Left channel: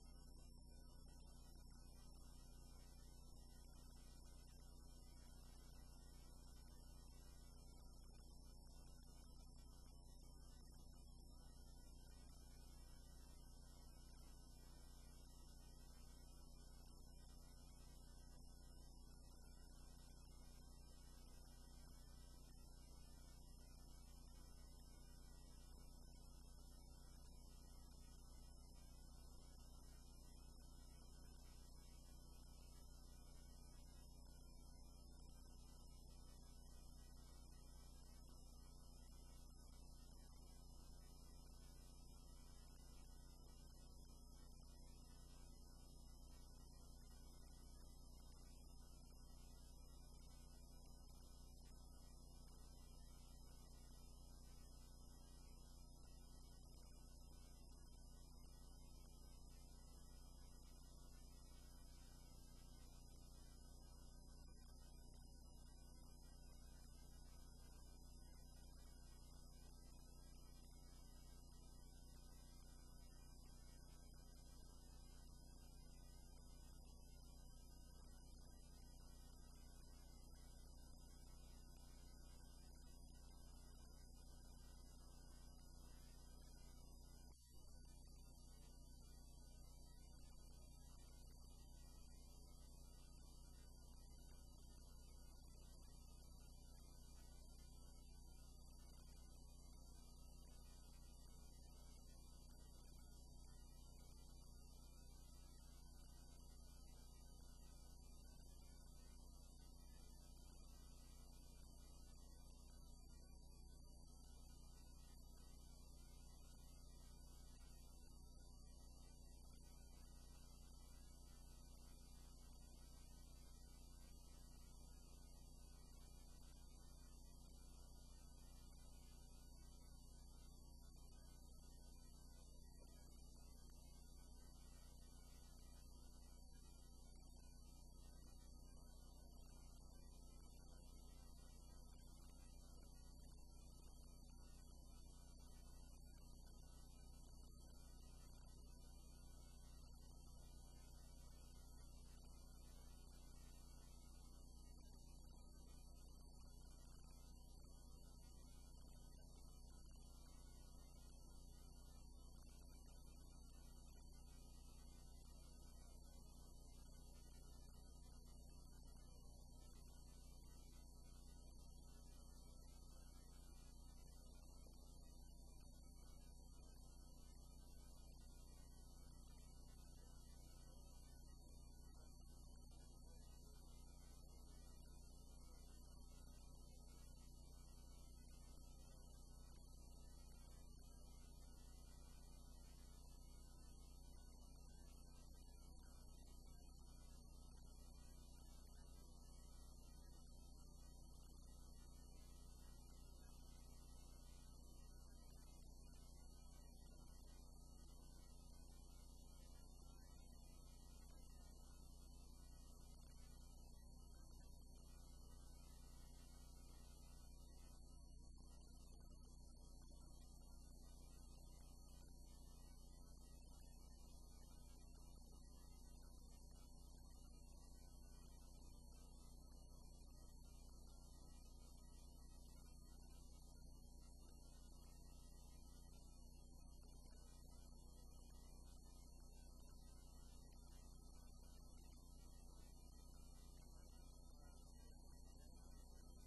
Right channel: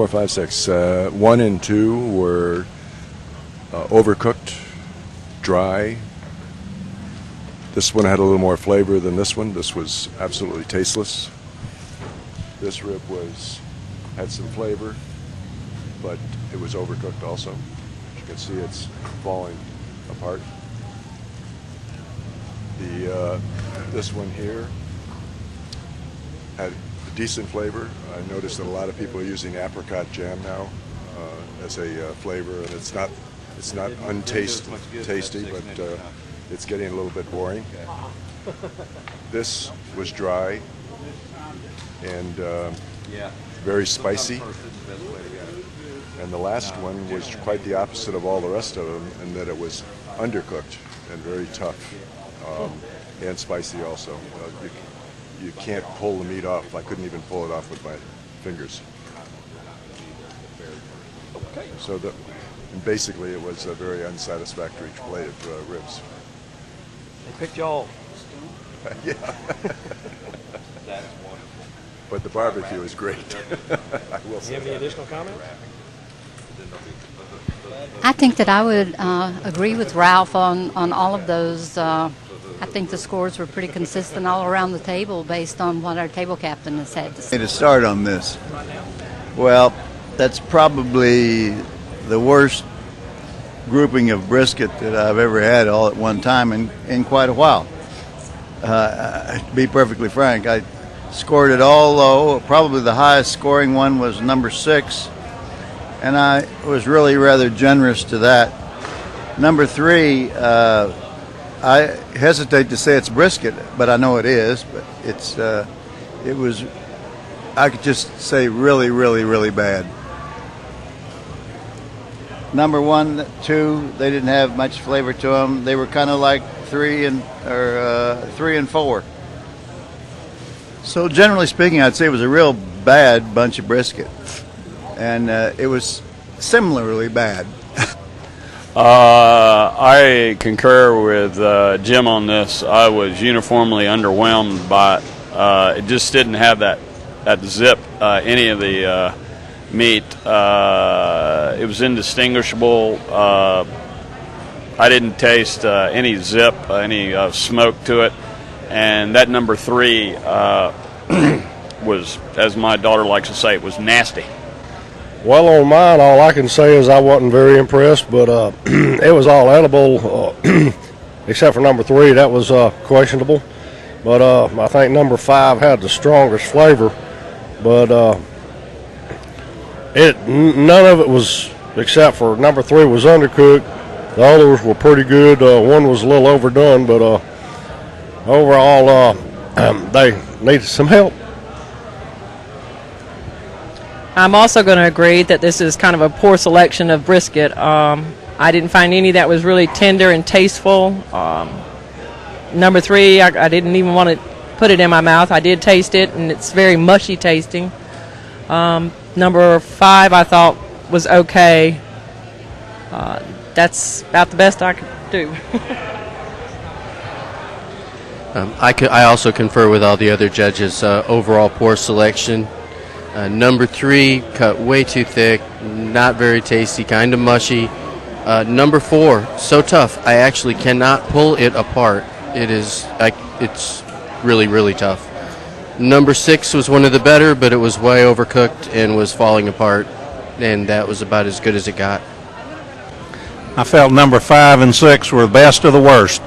4, 5, 6. 1 and 2 were overcooked, dry. This one had a little more flavor than this one. This was absolutely tasteless. This rib had some flavor, but it was overcooked also. As you can see, it's falling apart. This one here had a decent flavor. I noticed that a lot of people are using apricot jam now as a flavor, and it's not tasty, but it's getting a little bit boring. This was dry and very spicy. And the last one was quite the opposite of all the rest of them, in that it was undercooked and very tough and spicy also. You can't pull the meat off. I couldn't even pull it off with my fingers. So basically it was a very unsatisfactory plate of ribs. They picked y'all. Yeah. That's wonderful. But the barbecue is great. I will say. Do you have any additional comments? I think that I would agree with Ralph on all of those. I think the scores were pretty consistent all around the table based on what our table captain has had to say. To start on this, well, that's probably the worst grouping of brisket that I've ever had all at one time in quite a while. To be perfectly frank, I scored it all low. Probably the highest scoring one was number 6, and I was really rather generous to that. Number 3, I hesitate to say it's brisket, but I know it is. But it was, I could just say really, really, really bad. Number 1, 2, they didn't have much flavor to them. They were kind of like 3 and 4. So generally speaking, I'd say it was a real bad bunch of brisket, and it was similarly bad. I concur with Jim on this. I was uniformly underwhelmed by it. It just didn't have that zip, any of the meat. It was indistinguishable. I didn't taste any zip, any smoke to it. And that number 3 was, as my daughter likes to say, it was nasty. Well, on mine, all I can say is I wasn't very impressed, but it was all edible, except for number 3. That was questionable. But I think number 5 had the strongest flavor. But none of it was, except for number 3 was undercooked. The others were pretty good. One was a little overdone, but overall, they needed some help. I'm also going to agree that this is kind of a poor selection of brisket. I didn't find any that was really tender and tasteful. Number 3, I didn't even want to put it in my mouth. I did taste it, and it's very mushy tasting. Number 5 I thought was okay. That's about the best I could do. I also confer with all the other judges. Overall poor selection. Number 3 cut way too thick, not very tasty, kind of mushy. Number 4, so tough I actually cannot pull it apart. It's really, really tough. Number 6 was one of the better, but it was way overcooked and was falling apart, and that was about as good as it got. I felt number 5 and 6 were the best of the worst.